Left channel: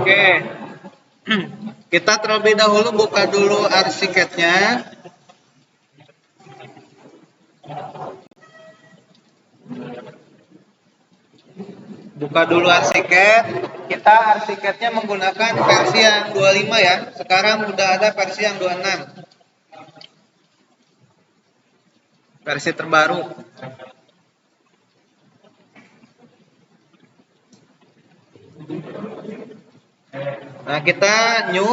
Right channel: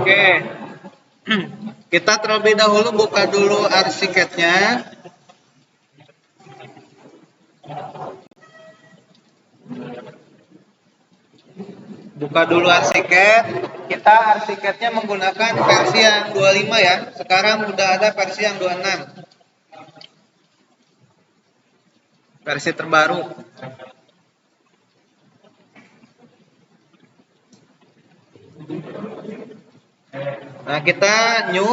Oke. Kita terlebih dahulu buka dulu arsikednya. Buka dulu arsiket. Kita arsiketnya menggunakan versi yang 25 ya. Sekarang udah ada versi yang 26. Versi terbaru. Nah, kita new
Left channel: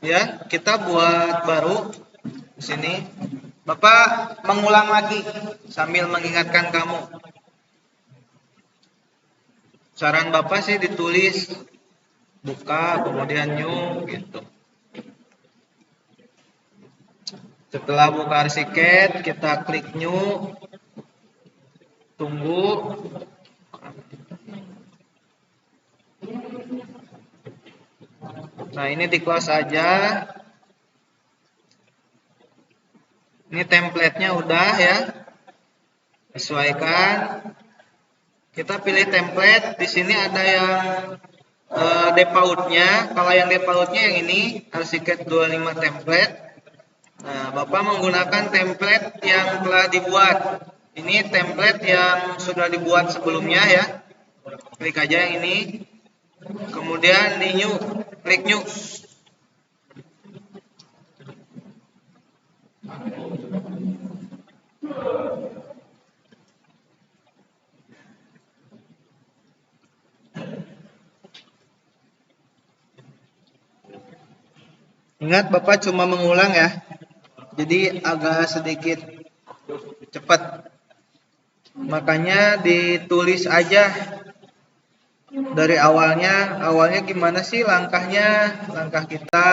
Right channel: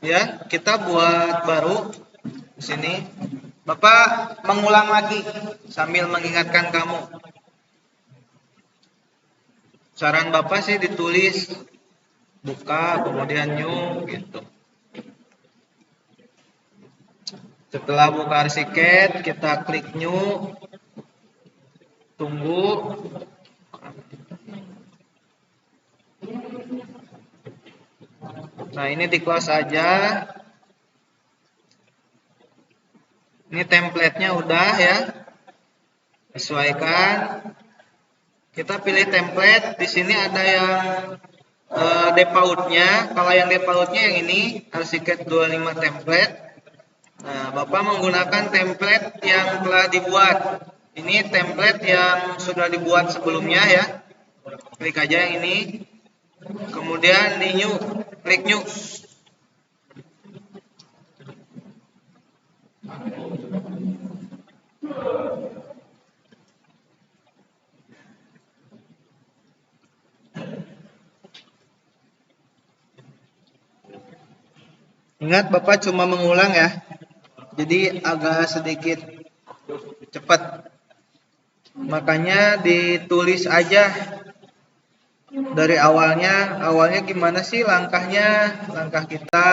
ya, kita buat baru di sini. Bapak mengulang lagi sambil mengingatkan kamu. Saran Bapak sih ditulis buka kemudian new gitu. Setelah buka arsiket, kita klik new. Tunggu. Nah, ini di close aja. Ini template-nya udah ya. Sesuaikan. Kita pilih template. Di sini ada yang default-nya. Kalau yang default-nya yang ini, arsiket 25 template. Nah, Bapak menggunakan template yang telah dibuat. Ini template yang sudah dibuat sebelumnya ya. Klik aja yang ini. Kemudian di new, klik new. Ingat Bapak cuma mengulang ya. Jadi agak sedikit cepat. Makanya ditulis aja dari awalnya. Awalnya gimana sih langkahnya? Langkah kita.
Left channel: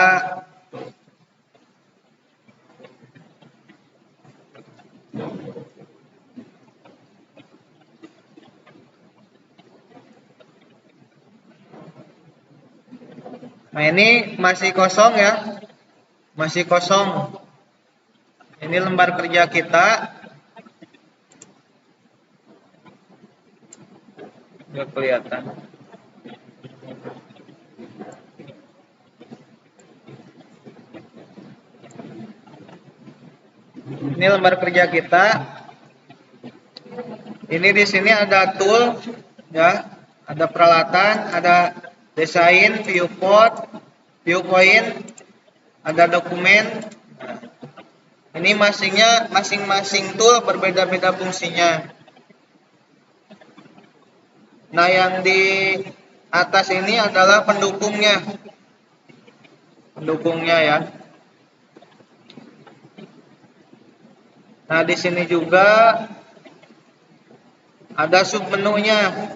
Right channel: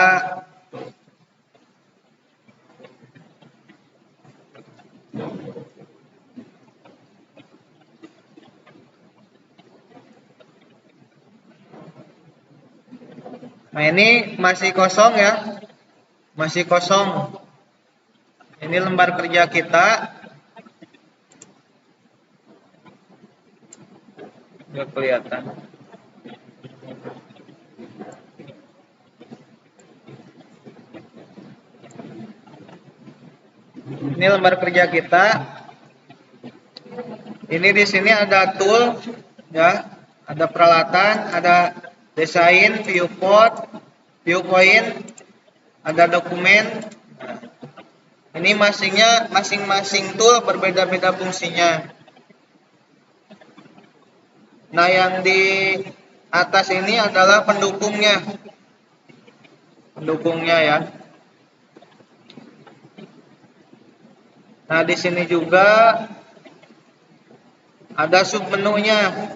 Nah, ini masih kosong ya. Masih kosong. Ini lembar kerja kita. Nggak kelihatan. Ini lembar kerja kita. Ini di sini ada tool ya, ada peralatan, ada desain, viewpoint, ada dokumen. Ini masing-masing tool berbeda-beda fungsinya. Nah, yang di atas ini adalah pendukungnya. Pendukungnya ya. Nah, di sini juga ada submenunya.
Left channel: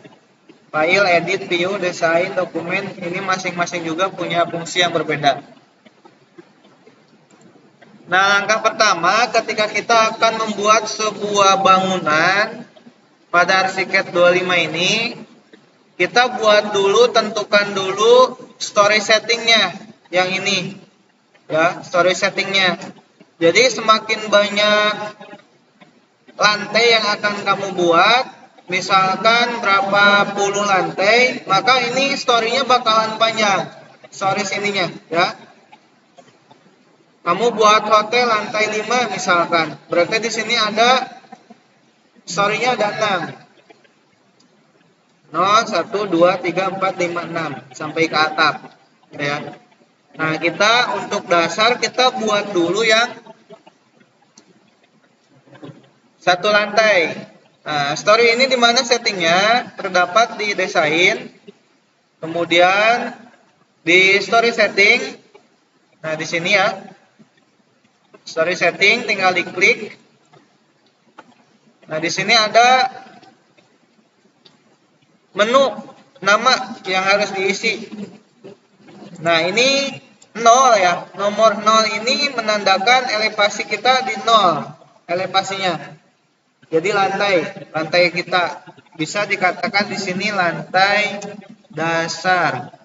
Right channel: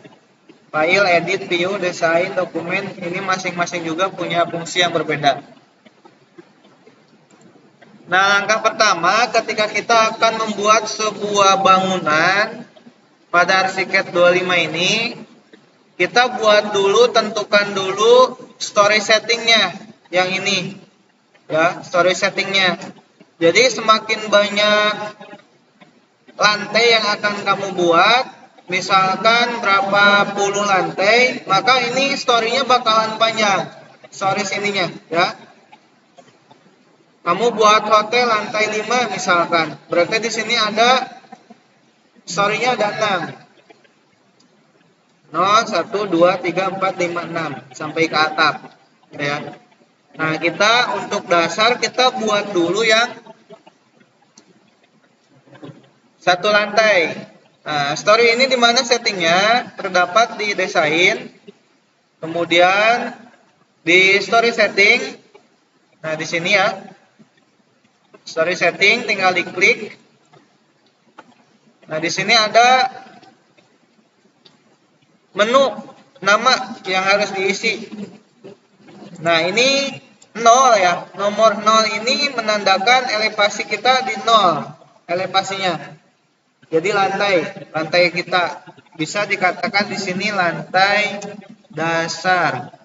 File, edit, view, desain, dokumen. Ini masing-masing juga punya fungsi yang berbeda. Nah, langkah pertama ketika kita akan membuat sebuah bangunan pada arsiket 25 ini, kita buat dulu, tentukan dulu story settingnya yang ini ya, story settingnya. Jadi semakin banyak lantai yang akan kamu buat, misalkan berapa puluh lantai, maka ini story-nya bakalan panjang, story ininya ya. Kamu buat hotel lantai 5 misalkan, berarti di sini ada story-nya ada 6. 0, 1, 2, 3, 4, 5, 6 sampai ke atap ya. Nah, kita untuk dasar kita buat dulu yang satu lantai. Nah, story ini di mana settingnya? Terdapat di desain, kemudian di story setting. Nah, di sini ya. Story setting tinggal diklik. Nah, di sini ada menu nama yang harus diisi. Nah, ini 0 ya. Nomor 0 ini menandakan elevasi kita di 0. Elevasinya. Jadi lantai kita bisa dikatakan di sini lantai dasar.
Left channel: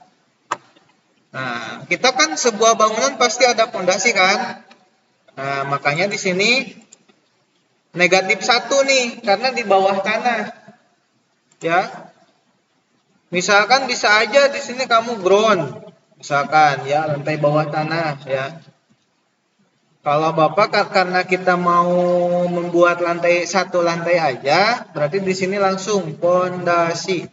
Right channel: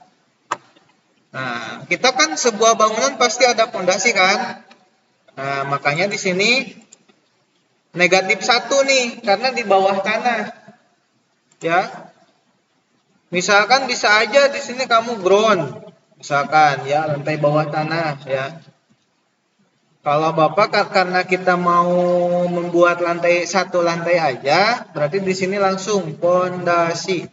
Nah, kita kan sebuah bangunan pasti ada fondasi kan? Nah, makanya di sini negatif 1 nih, karena di bawah tanah. Ya. Misalkan bisa aja di sini kamu ground. Misalkan ya lantai bawah tanah ya. Kalau Bapak karena kita mau membuat satu lantai aja, berarti di sini langsung pondasi.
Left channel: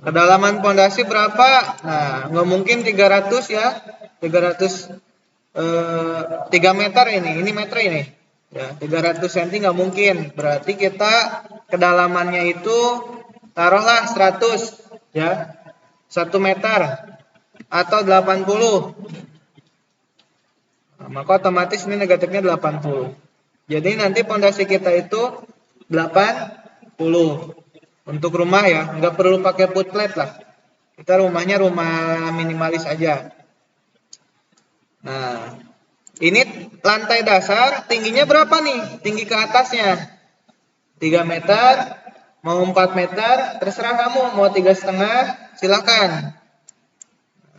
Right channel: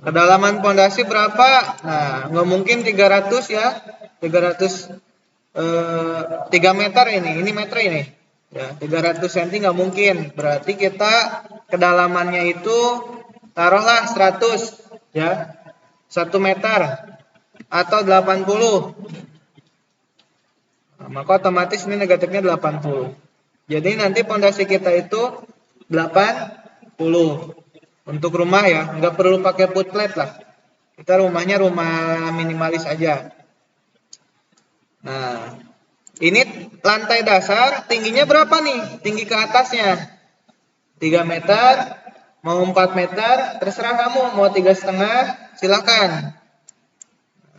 Kedalaman pondasi berapa? Nah, nggak mungkin 300 ya. 300 3 meter ini meter ini. Ya, 300 cm nggak mungkin. Berarti kita kedalamannya itu taruhlah 100 ya. 1 meter atau 80. Nah, maka otomatis ini negatifnya 80. Jadi nanti pondasi kita itu 80 untuk rumah ya, nggak perlu pakai footplate lah. Kita rumahnya rumah minimalis aja. Nah, ini lantai dasar tingginya berapa nih? Tinggi ke atasnya 3 meter, mau 4 meter, terserah kamu, mau 3,5 silakan.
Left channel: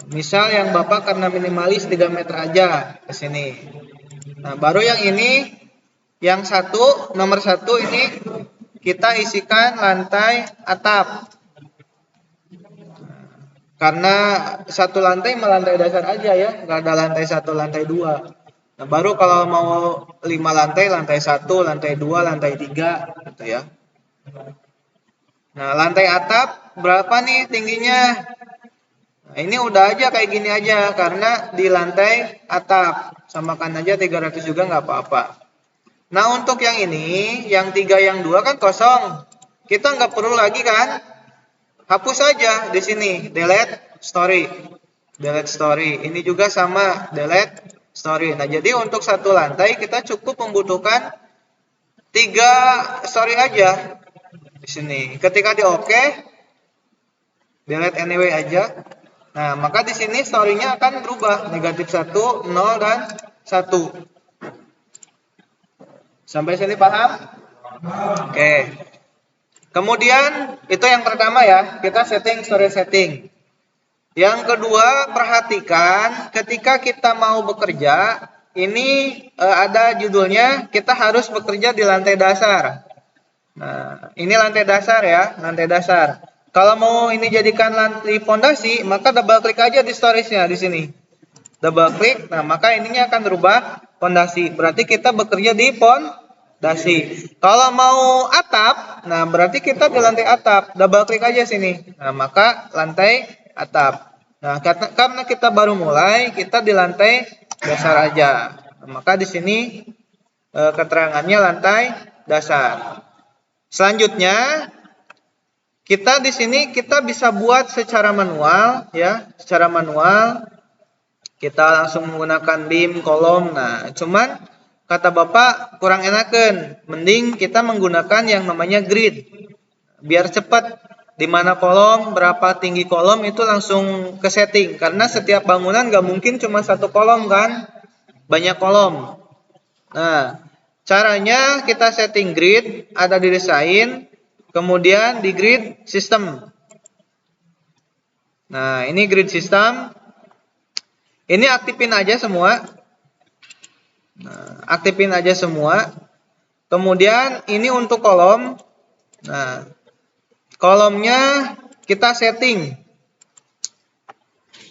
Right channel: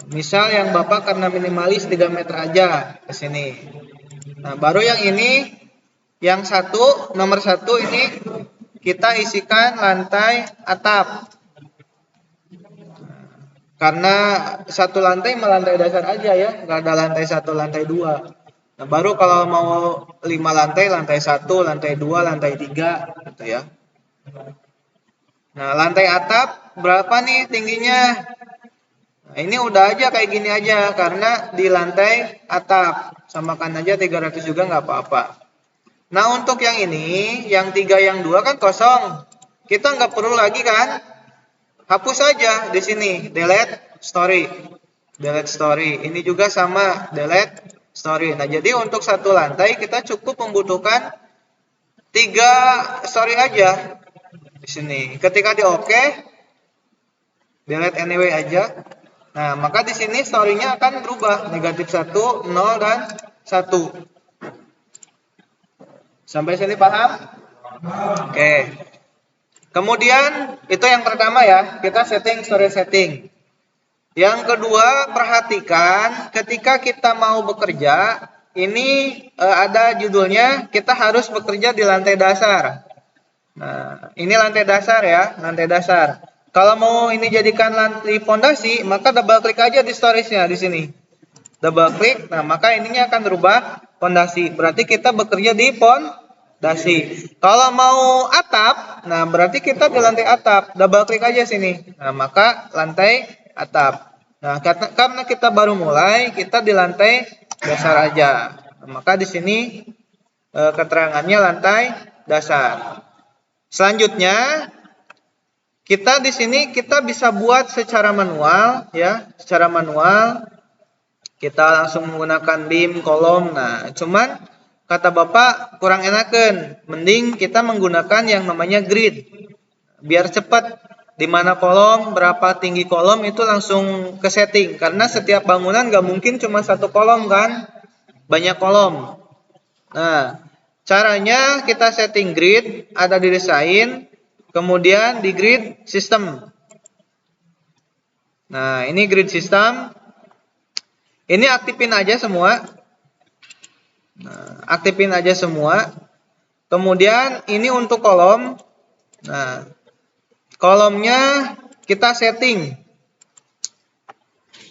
Misal yang Bapak karena minimalis 3 meter aja ke sini. Nah, baru yang ini, yang nomor satu ini kita isikan lantai atap. Karena satu lantai melantai dasar aja ya, nggak ada lantai 1, lantai 2. Nah, baru kalau mau 5 lantai, lantai 1, lantai 2, lantai 3 gitu ya. Nah, lantai atap berapa nih tingginya? Nah, ini udah aja kayak gini aja karena di lantai atap. Samakan aja 300 juga nggak apa-apa. Nah, untuk yang ini, yang 3, yang 2 kan kosong. Kita nggak perlu lagi kan? Hapus aja di sini, delete story. Delete story. Ini juga sama, delete story. Nah, jadi untuk satu lantai kita cukup membutuhkan 3 story aja di sini. Ketika di oke, delete anyway aja. Nah, maka di sini story-nya akan berubah negatif 1, 0 dan 1. Sampai sini paham? Oke. Kemudian itu yang pertama ya, kita story setting. Yang kedua, perhatikan ketika kita mau bekerja, ini ada judulnya kita harus bekerja di lantai dasar. Nah, ini lantai dasar ya, lantai dasar. Kalau mau ini jadikan lantai fondasi, maka double klik aja di storiesnya di sini. Double klik, nah maka ininya akan berubah fondasi. Berarti kita bekerja di fondasi. Kalau mau atap, nah berarti kita di lantai atap. Double klik aja sini. Nah, maka lantai atap. Nah, karena kita baru mulai, kita di lantai dasar aja. Nah, maka di sini keterangannya lantai dasar. Selanjutnya, kita di sini kita bisa buat secara manual ya, secara manual. Kita langsung menggunakan dim, kolom. Nah, cuman kata Bapak kurang enakan. Mending kita menggunakan yang namanya grid. Biar cepat. Di mana kolom, berapa tinggi kolom itu langsung ke setting. Karena setiap bangunan nggak mungkin cuma satu kolom kan. Banyak kolom. Nah, caranya kita setting grid, ada di desain, kemudian di grid system. Nah, ini grid system. Ini aktifin aja semua. Nah, aktifin aja semua. Kemudian ini untuk kolom. Nah, kolomnya kita setting.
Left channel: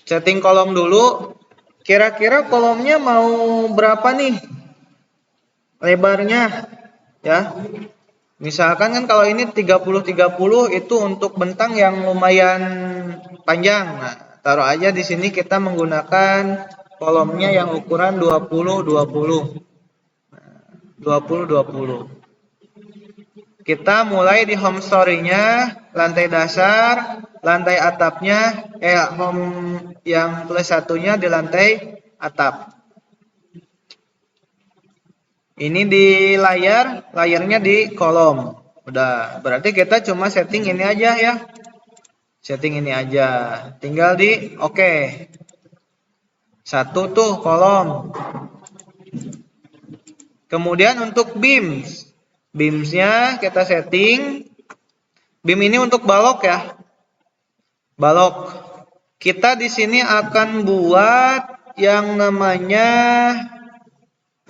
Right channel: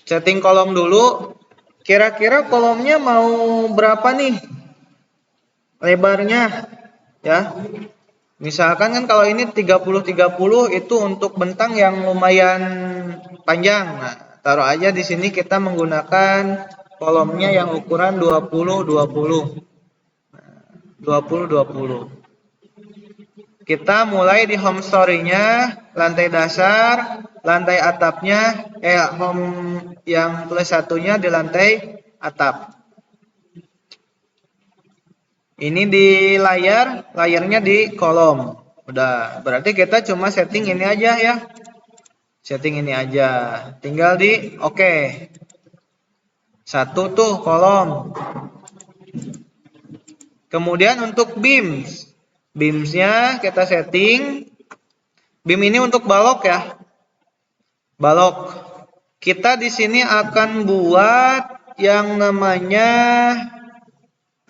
Setting kolom dulu. Kira-kira kolomnya mau berapa nih? Lebarnya ya. Misalkan kan kalau ini 30-30 itu untuk bentang yang lumayan panjang. Nah, taruh aja di sini kita menggunakan kolomnya yang ukuran 20-20. 20-20. Kita mulai di home story-nya, lantai dasar, lantai atapnya, home yang plus satunya di lantai atap. Ini di layarnya di kolom. Udah, berarti kita cuma setting ini aja ya. Setting ini aja. Tinggal di oke. Satu tuh kolom. Kemudian untuk beams. Beamsnya kita setting. Beam ini untuk balok ya. Balok. Kita di sini akan buat yang namanya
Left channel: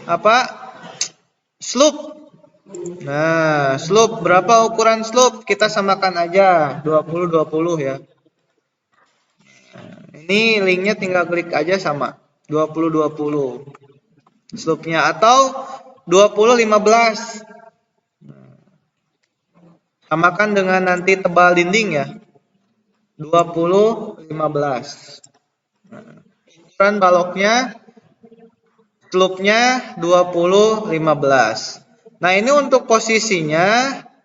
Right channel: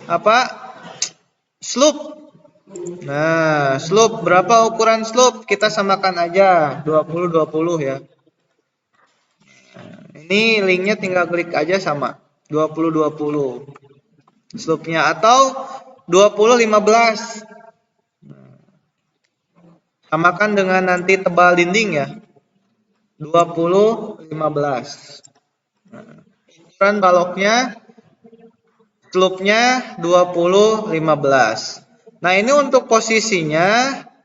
apa? Slope. Nah, slope berapa ukuran slope? Kita samakan aja 20-20 ya. Ini linknya tinggal klik aja sama 20-20 slope-nya, atau 20-15. Samakan dengan nanti tebal dinding ya, 20-15. Ukuran baloknya, slope-nya 20-15. Nah, ini untuk posisinya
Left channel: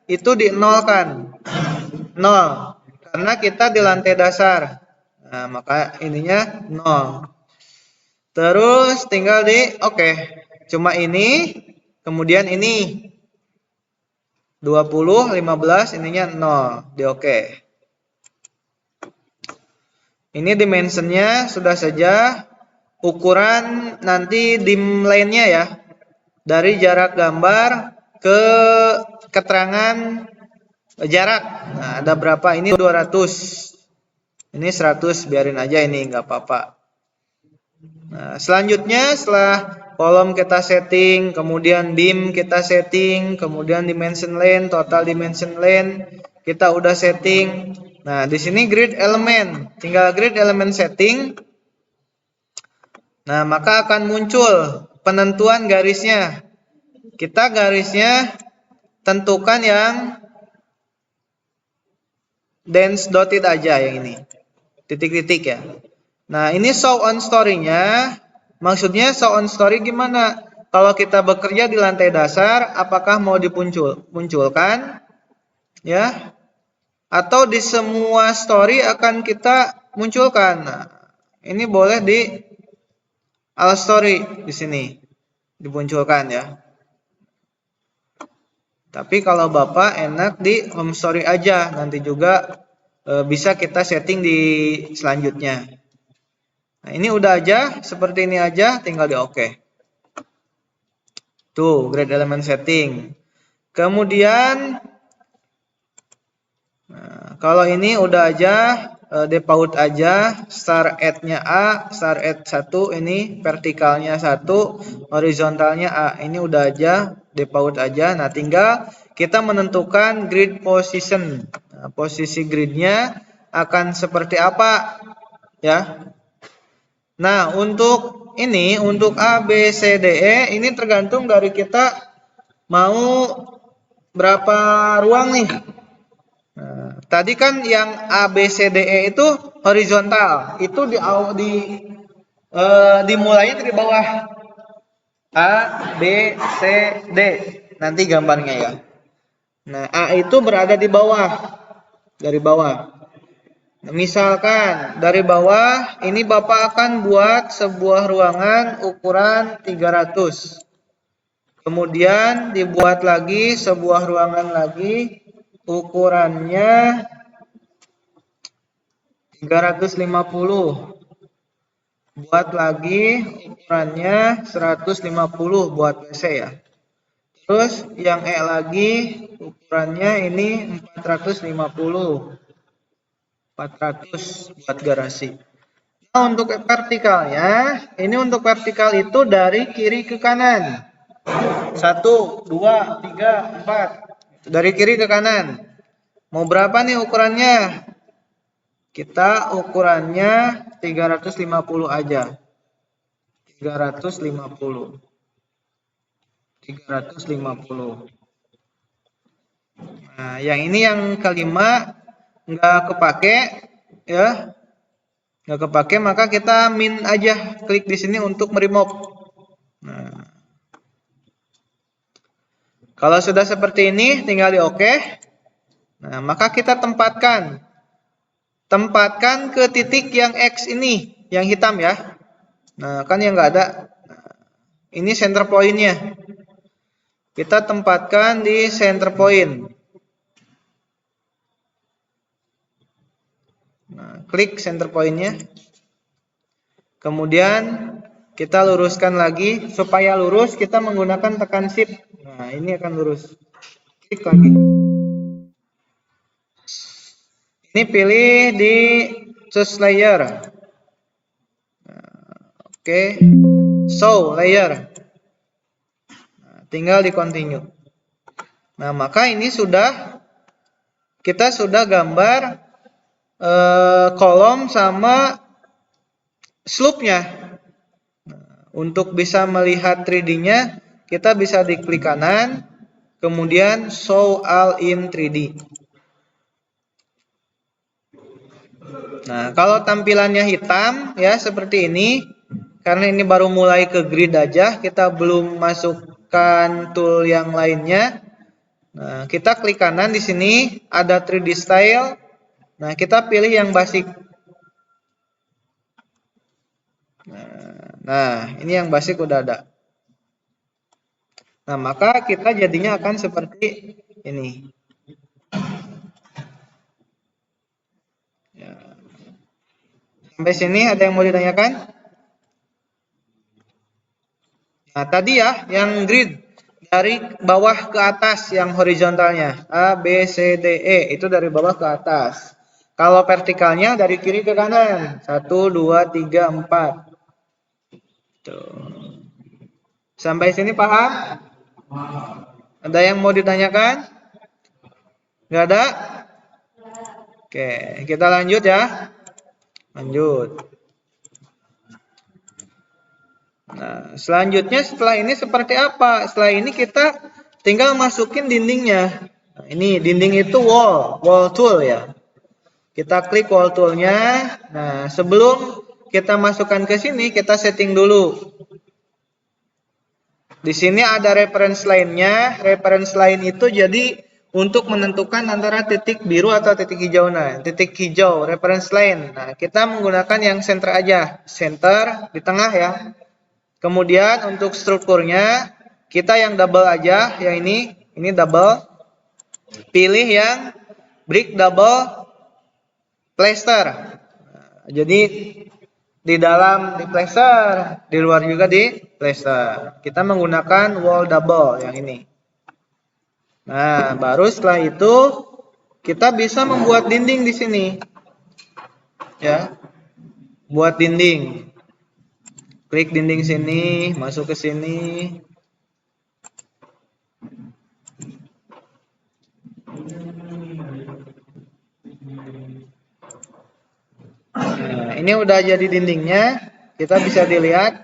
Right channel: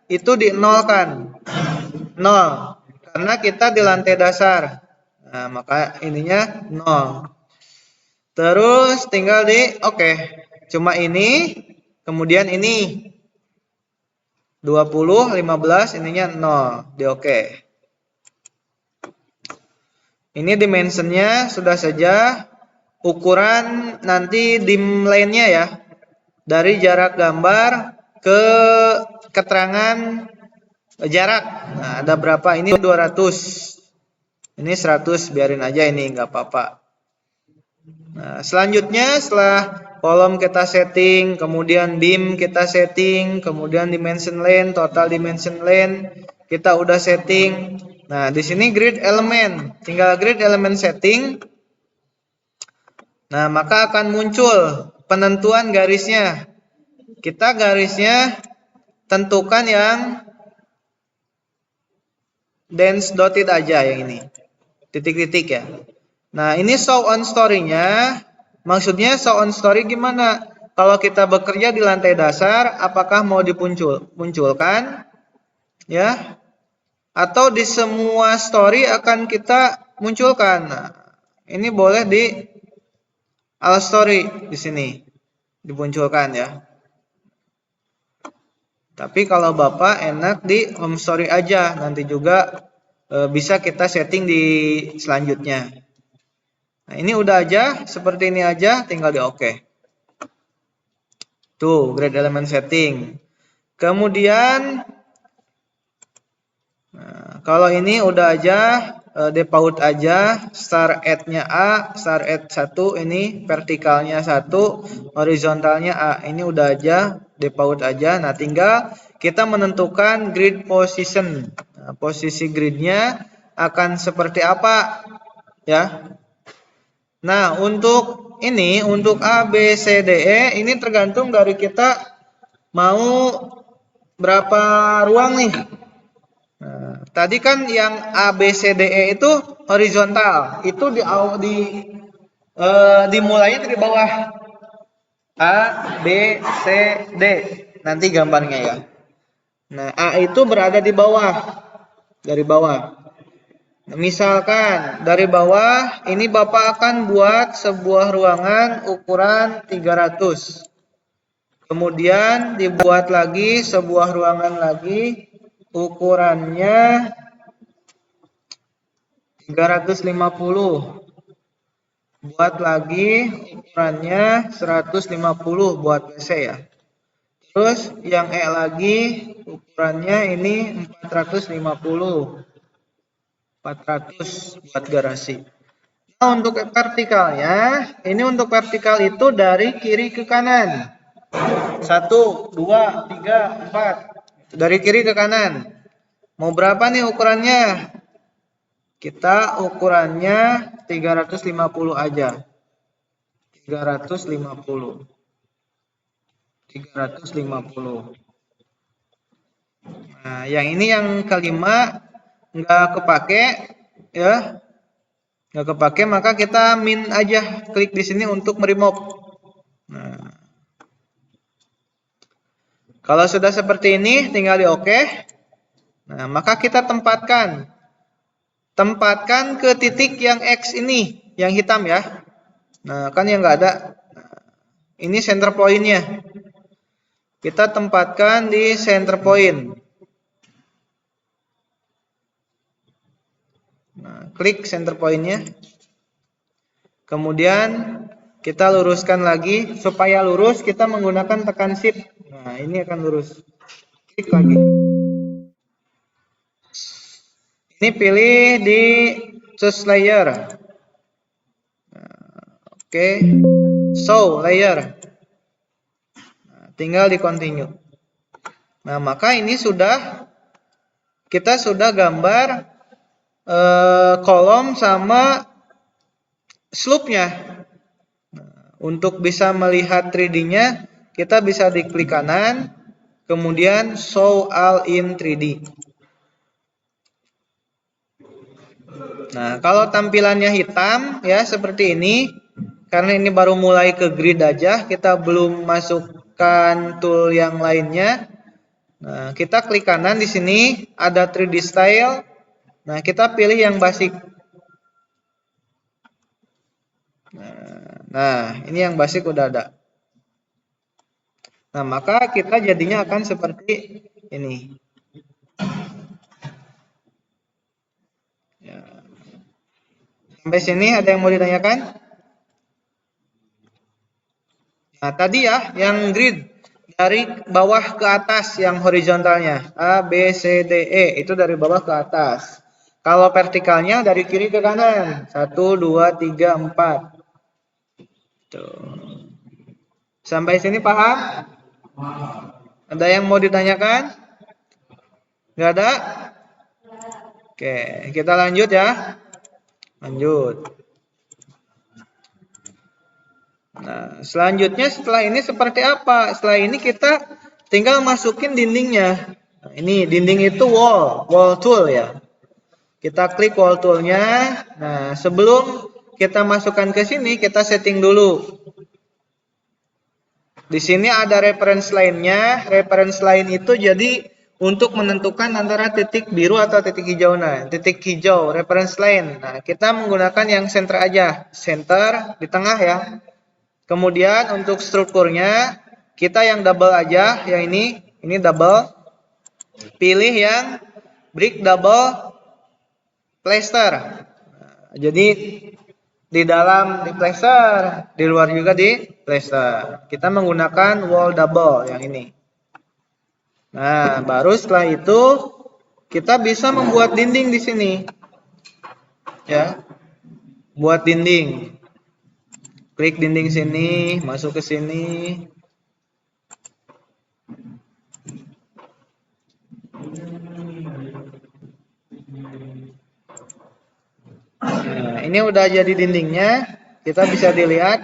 itu di 0 kan, 0 karena kita di lantai dasar. Nah, maka ininya 0. Terus tinggal di oke. Cuma ini, kemudian ini 20-15, ininya 0, di oke. Ini dimensionnya sudah saja. Ukuran nanti dim line-nya ya, dari jarak gambar ke keterangan jarak. Nah, ada berapa? Ini 200. Ini 100, biarin aja ini, nggak apa-apa. Nah, selanjutnya setelah kolom kita setting, kemudian dim kita setting, kemudian dimension line, total dimension line kita udah setting. Nah, di sini grid element, tinggal grid element setting. Nah, maka akan muncul penentuan garisnya. Kita garisnya tentukan yang dense dotted aja yang ini, titik-titik ya. Nah, ini show on story-nya, maksudnya show on story gimana? Kalau kita bekerja di lantai dasar, apakah mau munculkan ya? Atau di semua story akan kita munculkan? Nah, ini boleh di all story di sini dimunculkan ya. Tapi kalau Bapak enak di home story aja, nanti juga bisa kita setting di selanjutnya. Nah, ini udah aja, seperti ini aja, tinggal di oke. Tuh, grid element setting. Kemudian, kalau ini udah aja, default aja, start at-nya A, start at 1, ini vertikalnya 1, horizontalnya A. Ini udah aja, default aja. Nah, tinggal kita menentukan grid position. Nah, posisi gridnya akan seperti apa ya. Nah, untuk ini, untuk A, B, C, D, E, ini tergantung dari kita mau berapa ruang nih. Nah, tadi kan yang A, B, C, D, E itu horizontal, itu dimulai dari bawah. A, B, C, D. Nanti gambarnya ya. Nah, A itu berada di bawah, dari bawah. Misalkan dari bawah ini Bapak akan buat sebuah ruangan ukuran 300. Kemudian dibuat lagi sebuah ruangan lagi ukurannya 350. Buat lagi ukurannya 150 buat C ya. Terus yang E lagi ukurannya ini 450. 400 buat garasi. Nah, untuk vertikalnya, ini untuk vertikal itu dari kiri ke kanan. 1, 2, 3, 4. Dari kiri ke kanan. Mau berapa nih ukurannya? Kita ukurannya 350 aja. 350. 350. Nah, yang ini yang kelima nggak kepake ya, nggak kepake, maka kita min aja, klik di sini untuk remove. Nah, kalau sudah seperti ini tinggal di oke. Nah, maka kita tempatkan ke titik yang X ini, yang hitam ya. Nah, kan yang nggak ada. Ini center point-nya. Kita tempatkan di center point. Klik center point-nya. Kemudian kita luruskan lagi. Supaya lurus kita menggunakan tekan shift. Nah, ini akan lurus. Klik lagi. Ini pilih di choose layer. Oke. Show layer. Tinggal di continue. Nah, maka ini kita sudah gambar kolom sama slope-nya. Untuk bisa melihat 3D-nya, kita bisa diklik kanan, kemudian show all in 3D. Nah, kalau tampilannya hitam ya seperti ini, karena ini baru mulai ke grid aja, kita belum masukkan tool yang lainnya. Nah, kita klik kanan di sini, ada 3D style. Nah, kita pilih yang basic. Nah, ini yang basic udah ada. Nah, maka kita jadinya akan seperti ini. Sampai sini ada yang mau ditanyakan? Nah, tadi ya, yang grid dari bawah ke atas yang horizontalnya A, B, C, D, E itu dari bawah ke atas. Kalau vertikalnya dari kiri ke kanan 1, 2, 3, 4. Tuh. Sampai sini Pak? Ada yang mau ditanyakan? Nggak ada? Oke, kita lanjut ya. Lanjut. Nah, selanjutnya setelah ini seperti apa? Setelah ini kita tinggal masukin dindingnya. Nah, ini dinding itu wall tool ya. Kita klik wall toolnya. Nah, sebelum kita masukkan ke sini, kita setting dulu. Di sini ada reference line-nya. Reference line itu jadi untuk menentukan antara titik biru atau titik hijau. Nah, titik hijau reference line. Nah, kita menggunakan yang center aja. Center di tengah ya. Kemudian untuk strukturnya kita yang double aja, ya ini double. Pilih yang brick double placer. Jadi di dalam di placer, di luar juga di placer. Kita menggunakan wall double yang ini. Nah, baru setelah itu kita bisa membuat dinding di sini. Ya. Buat dinding. Klik dinding sini, masuk ke sini. Nah, ini udah jadi dindingnya. Kita bisa lihat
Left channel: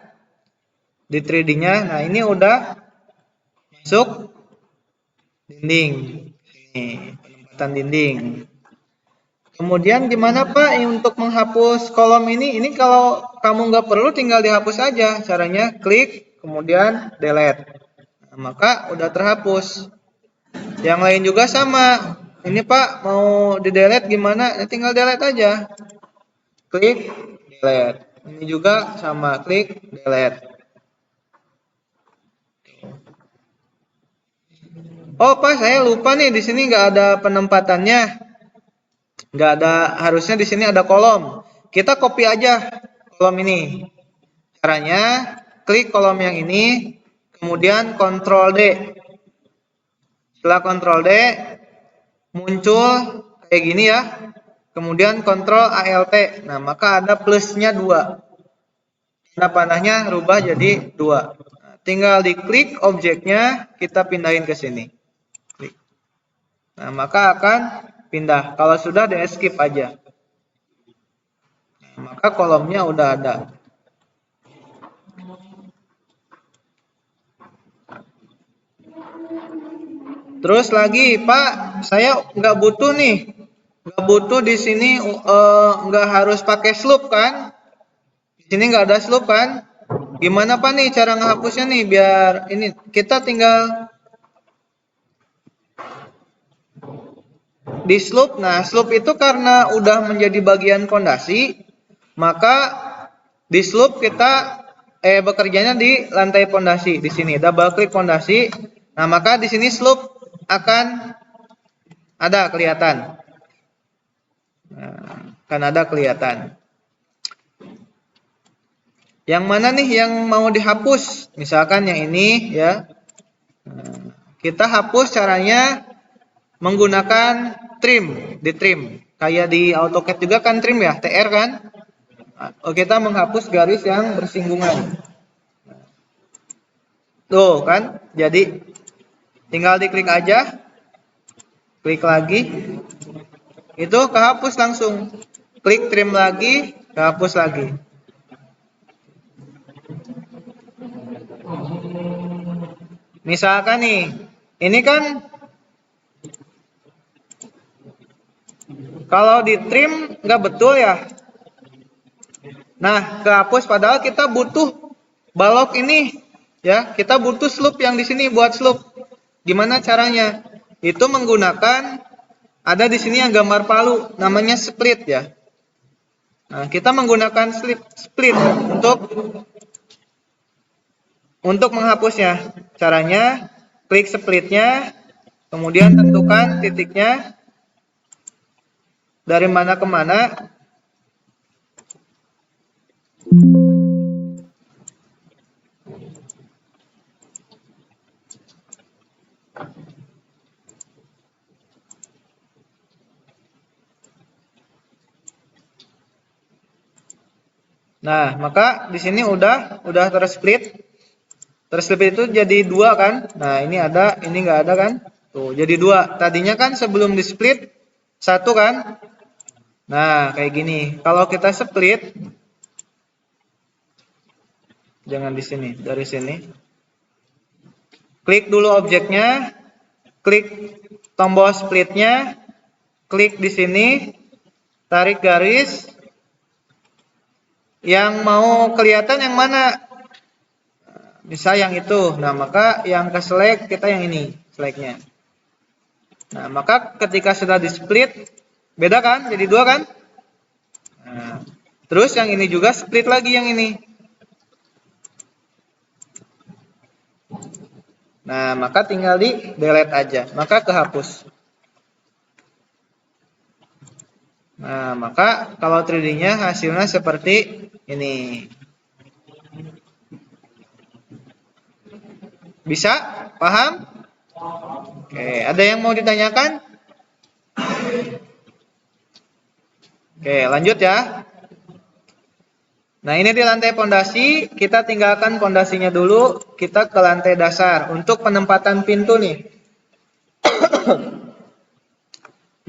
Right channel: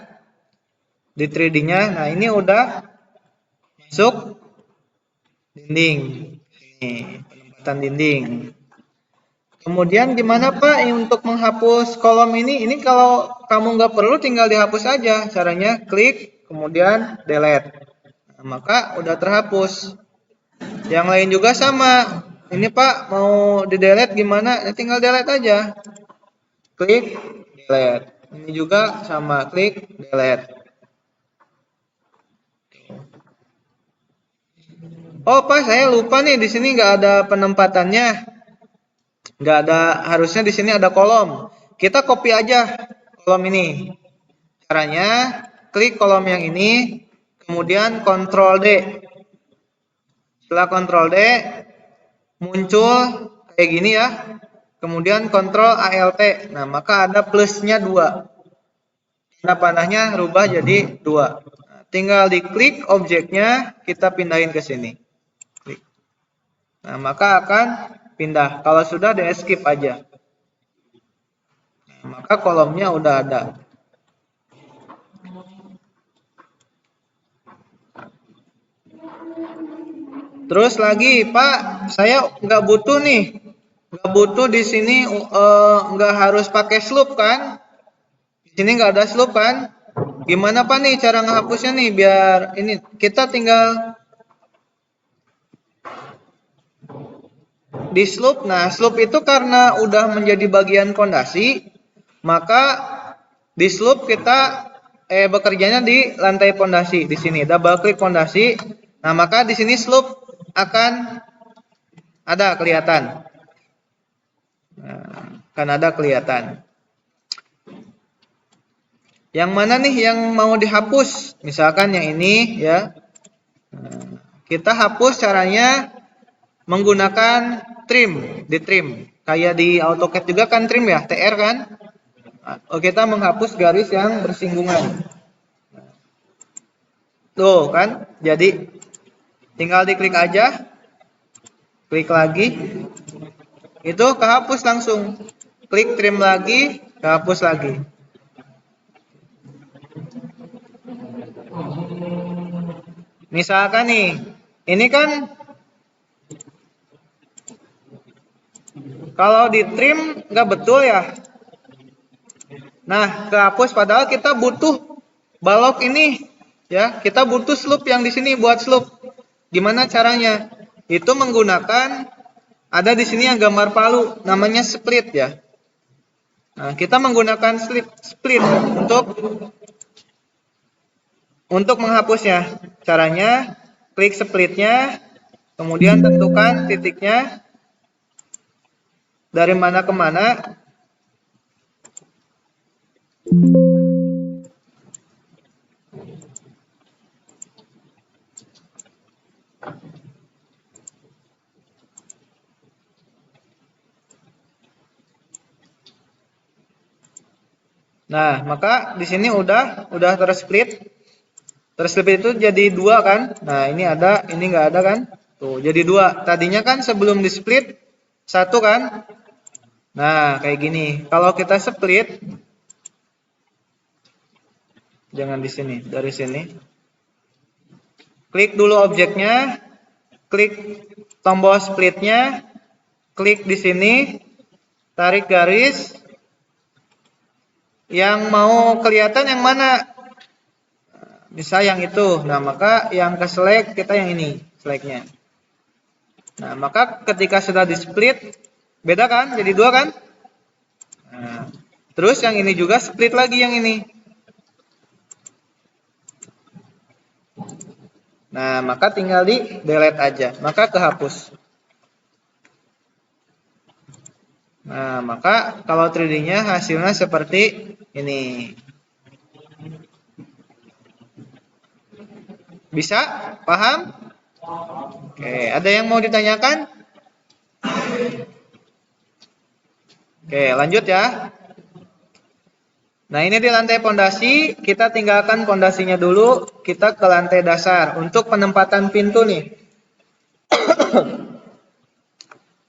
di 3D-nya. Nah, ini udah masuk dinding. Nih, dinding. Kemudian gimana Pak untuk menghapus kolom ini? Ini kalau kamu nggak perlu tinggal dihapus aja. Caranya klik, kemudian delete. Nah, maka udah terhapus. Yang lain juga sama. Ini Pak mau di delete gimana? Tinggal delete aja. Klik, delete. Ini juga sama, klik, delete. Oh Pak, saya lupa nih di sini nggak ada penempatannya. Nggak ada, harusnya di sini ada kolom. Kita copy aja kolom ini. Caranya klik kolom yang ini, kemudian Ctrl D. Setelah Ctrl D muncul kayak gini ya. Kemudian Ctrl Alt. Nah, maka ada plusnya 2. Tanda panahnya rubah jadi 2. Tinggal diklik objeknya, kita pindahin ke sini. Klik. Nah, maka akan pindah. Kalau sudah di skip aja. Maka kolomnya udah ada. Terus lagi Pak, saya nggak butuh nih. Nggak butuh di sini nggak harus pakai slope kan? Di sini nggak ada slope kan? Gimana Pak nih cara menghapusnya nih biar ini kita tinggal di slope. Nah, slope itu karena udah menjadi bagian fondasi, maka di slope kita bekerjanya di lantai fondasi. Di sini double klik fondasi. Nah, maka di sini slope akan ada kelihatan. Nah, akan ada kelihatan. Yang mana nih yang mau dihapus? Misalkan yang ini ya. Kita hapus caranya menggunakan trim, di trim. Kayak di AutoCAD juga kan trim ya, TR kan. Nah, kita menghapus garis yang bersinggungan. Tuh kan, jadi tinggal diklik aja, klik lagi, itu kehapus langsung. Klik trim lagi, kehapus lagi. Misalkan nih, ini kan kalau di trim nggak betul ya. Nah, kehapus padahal kita butuh balok ini, ya. Kita butuh slope yang di sini buat slope. Gimana caranya? Itu menggunakan ada di sini yang gambar palu, namanya split ya. Nah, kita menggunakan split untuk menghapusnya. Caranya klik splitnya, kemudian tentukan titiknya dari mana ke mana. Nah, maka di sini udah tersplit. Tersplit itu jadi dua kan? Nah, ini ada, ini nggak ada kan? Tuh, jadi dua. Tadinya kan sebelum di split satu kan? Nah, kayak gini. Kalau kita split, jangan di sini, dari sini. Klik dulu objeknya, klik tombol splitnya, klik di sini, tarik garis. Yang mau kelihatan yang mana? Misalnya yang itu. Nah, maka yang ke select kita yang ini, selectnya. Nah, maka ketika sudah di split, beda kan? Jadi dua kan? Nah, terus yang ini juga split lagi yang ini. Nah, maka tinggal di delete aja, maka kehapus. Nah, maka kalau 3D-nya hasilnya seperti ini. Bisa? Paham? Oke, ada yang mau ditanyakan? Oke, lanjut ya. Nah, ini di lantai pondasi, kita tinggalkan pondasinya dulu, kita ke lantai dasar untuk penempatan pintu nih.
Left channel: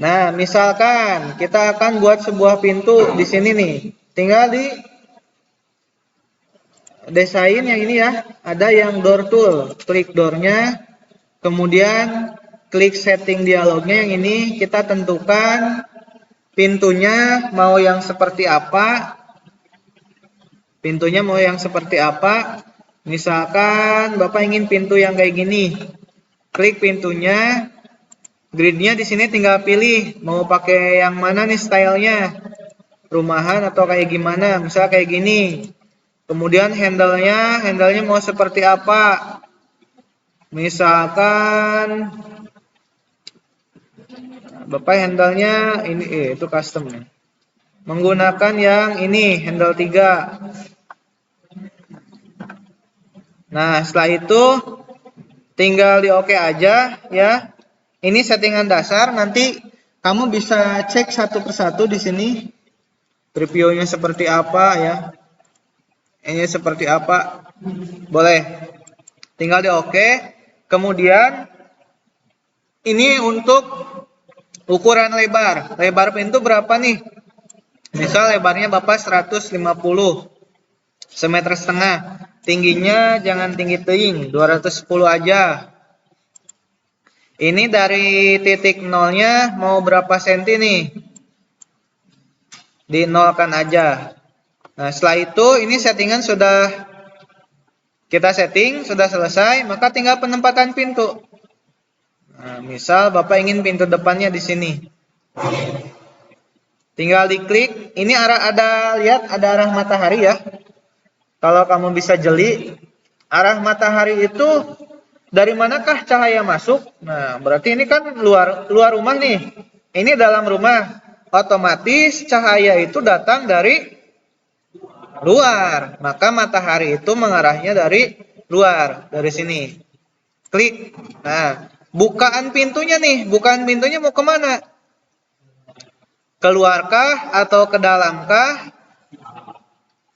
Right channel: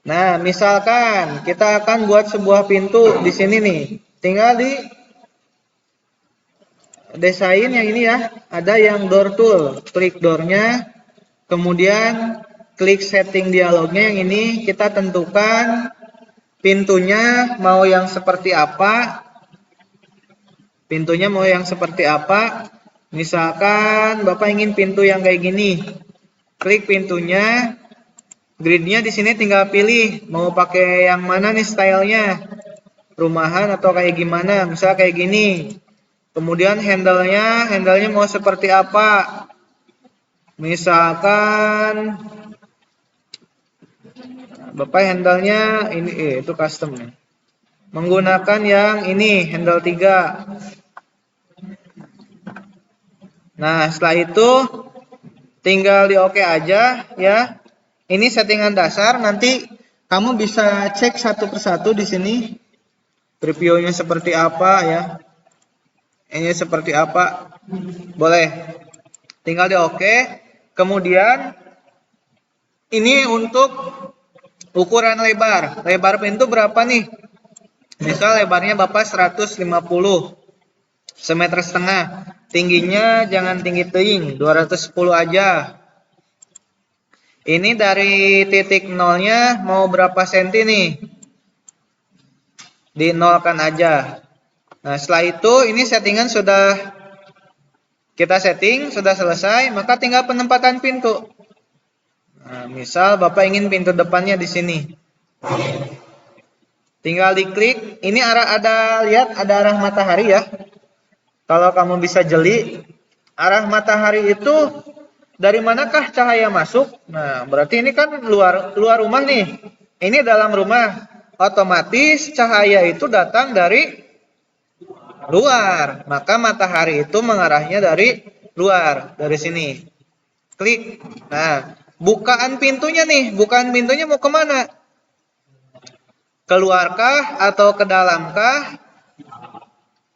Nah, misalkan kita akan buat sebuah pintu di sini nih. Tinggal di desainnya ini ya, ada yang door tool, klik doornya, kemudian klik setting dialognya ini, kita tentukan pintunya mau yang seperti apa. Pintunya mau yang seperti apa? Misalkan Bapak ingin pintu yang kayak gini. Klik pintunya, gridnya di sini tinggal pilih mau pakai yang mana nih stylenya, rumahan atau kayak gimana, misal kayak gini. Kemudian handle-nya mau seperti apa? Misalkan Bapak handle-nya ini itu custom. Menggunakan yang ini handle 3. Nah, setelah itu tinggal di oke aja ya. Ini settingan dasar, nanti kamu bisa cek satu persatu di sini. Previewnya seperti apa ya. Ini seperti apa, boleh tinggal di oke. Kemudian ini untuk ukuran lebar pintu berapa nih? Misal lebarnya Bapak 150 1,5 cm, tingginya jangan tinggi 210 aja. Ini dari titik nolnya mau berapa senti nih? Dinolkan aja. Nah, setelah itu ini settingan sudah kita setting, sudah selesai, maka tinggal penempatan pintu. Nah, misal Bapak ingin pintu depannya di sini. Tinggal diklik, ini lihat ada arah matahari ya. Kalau kamu bisa jeli, arah matahari itu dari manakah cahaya masuk? Nah, berarti ini kan luar rumah nih. Ini dalam rumah. Otomatis cahaya itu datang dari luar, maka matahari itu mengarahnya dari luar, dari sini. Klik. Nah, bukaan pintunya nih, bukaan pintunya mau kemana? Keluarkah atau ke dalamkah?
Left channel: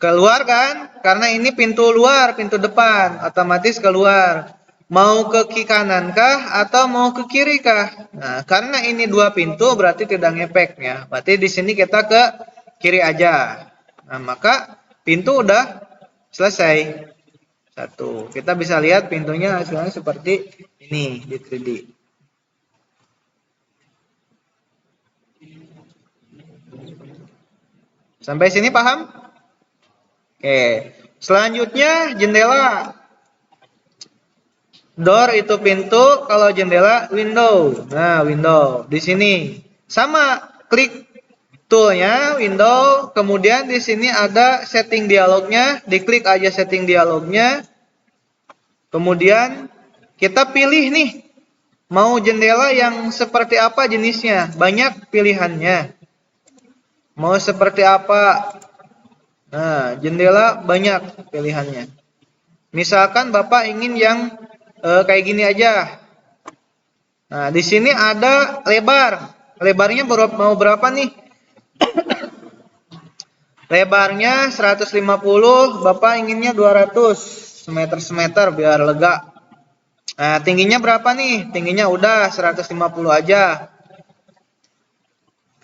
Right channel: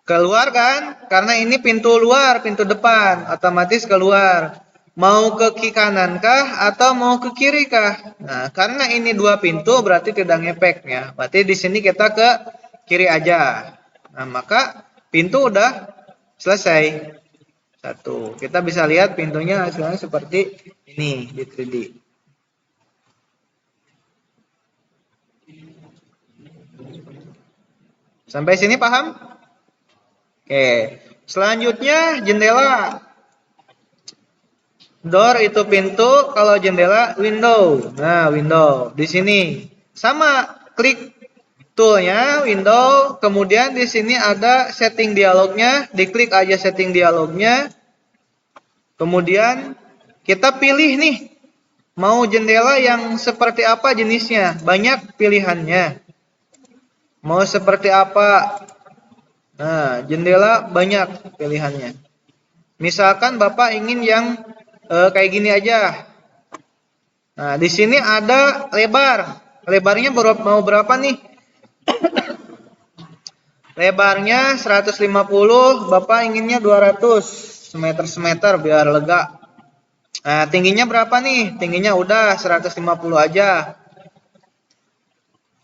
Keluar kan? Karena ini pintu luar, pintu depan, otomatis keluar. Mau ke kiri kanankah atau mau ke kiri kah? Nah, karena ini dua pintu berarti tidak ngepek ya. Berarti di sini kita ke kiri aja. Nah, maka pintu udah selesai. 1. Kita bisa lihat pintunya sekarang seperti ini. Jadi sampai sini paham? Oke. Selanjutnya jendela. Door itu pintu, kalau jendela window. Nah, window di sini sama, klik toolnya window, kemudian di sini ada setting dialognya, diklik aja setting dialognya. Kemudian kita pilih nih mau jendela yang seperti apa jenisnya, banyak pilihannya. Mau seperti apa? Nah, jendela banyak pilihannya. Misalkan Bapak ingin yang kayak gini aja. Nah, di sini ada lebar. Lebarnya mau berapa nih? Lebarnya 150, Bapak inginnya 200 semeter biar lega. Nah, tingginya berapa nih? Tingginya udah 150 aja.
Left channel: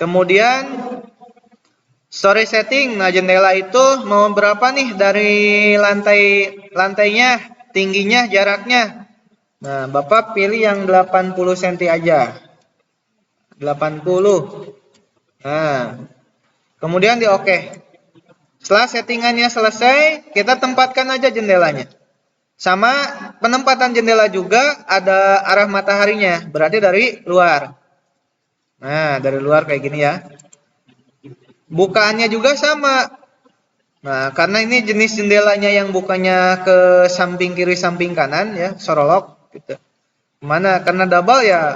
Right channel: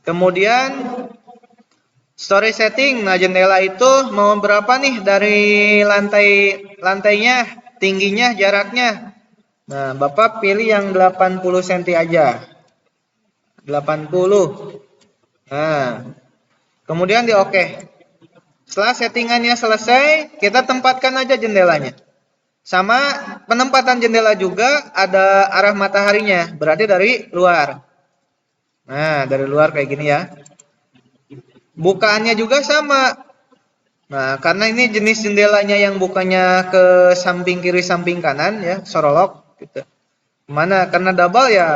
Kemudian storage setting. Nah, jendela itu mau berapa nih dari lantainya, tingginya, jaraknya. Nah, Bapak pilih yang 80 cm aja. 80. Nah, kemudian di oke. Setelah settingannya selesai, kita tempatkan aja jendelanya. Sama penempatan jendela juga ada arah mataharinya, berarti dari luar. Nah, dari luar kayak gini ya. Bukannya juga sama. Nah, karena ini jenis jendelanya yang bukannya ke samping kiri, samping kanan ya, sorok gitu. Kemana? Karena double ya,